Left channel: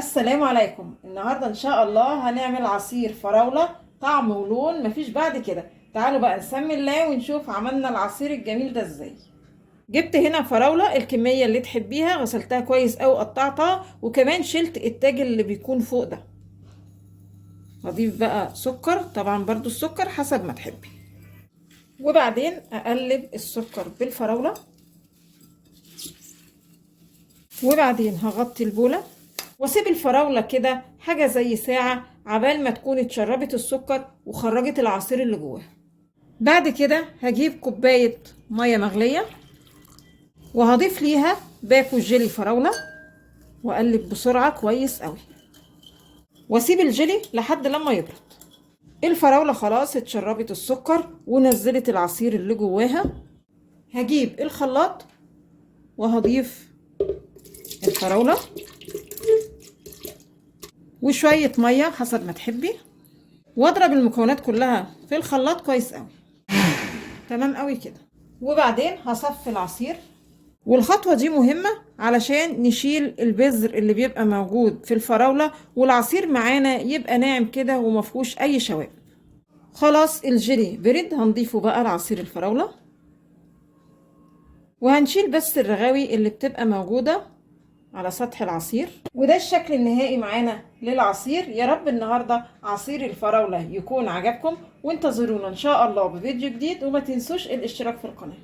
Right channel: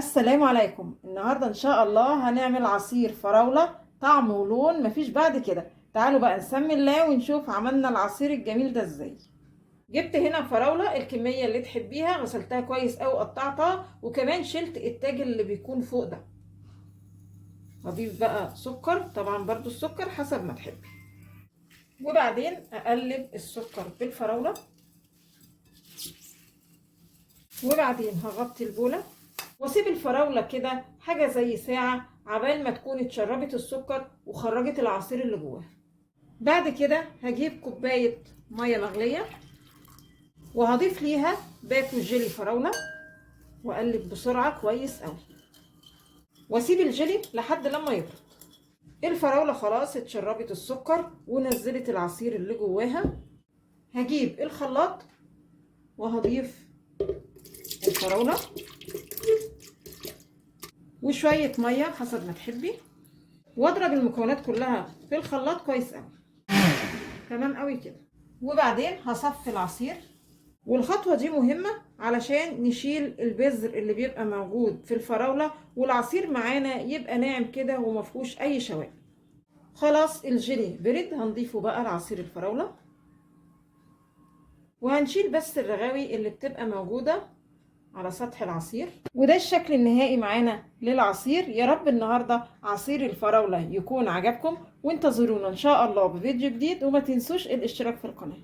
السلام عليكم. النهاردة ان شاء الله هنعمل عصير فراولة طعم ولون مفيش بعد كده. تعالوا بقى نسمي الله ونشوف عملنا العصير الجميل ده ازاي. جبت هنا فراولة الكمية اللي تحبيها، غسلتها كويس اوي قطعتها، وكمان شلت التاج اللي بيكون فوق ده. هضيف بقى سكر، طبعا برضو السكر حسب ما تحبي، وبعدين اقلب السكر بالفراولة، وبعدين هغطي البولة واسيب الفراولة كده حاجة زي ساعة عبال ما تكون اتشربت السكر وخرجت العصير اللي جواها. بعد كده هجيب كوباية مية مغلية وهضيف ليها باكو جيلي فراولة واقلب بسرعة كويس قوي، واسيب الجيلي لحد لما يبرد. الفراولة خلاص اتشربت السكر ونزلت العصير اللي جواها. هجيب الخلاط وهضيف الفراولة وشوية مية حسب ما تحبي، واضرب المكونات كلها في الخلاط كويس قوي. تمام قوي كده. وبعدين هصفي العصير، والخطوة دي مهمة علشان نشيل البذر اللي بيبقى موجود في الفراولة، والعصير معانا يبقى ناعم كده ومفهوش اي شوائب. خلاص الجيلي برد، هنضيفه بقى لعصير الفراولة، وهنشيل بس الرغاوي اللي بتبقى موجودة على سطح العصير. وده الشكل النهائي معانا للعصير. يا رب النهاردة عصير الفراولة يكون عجبكم، وانتظرونا ان شاء الله بفيديو جديد، وما تنسوش الاشتراك في القناة.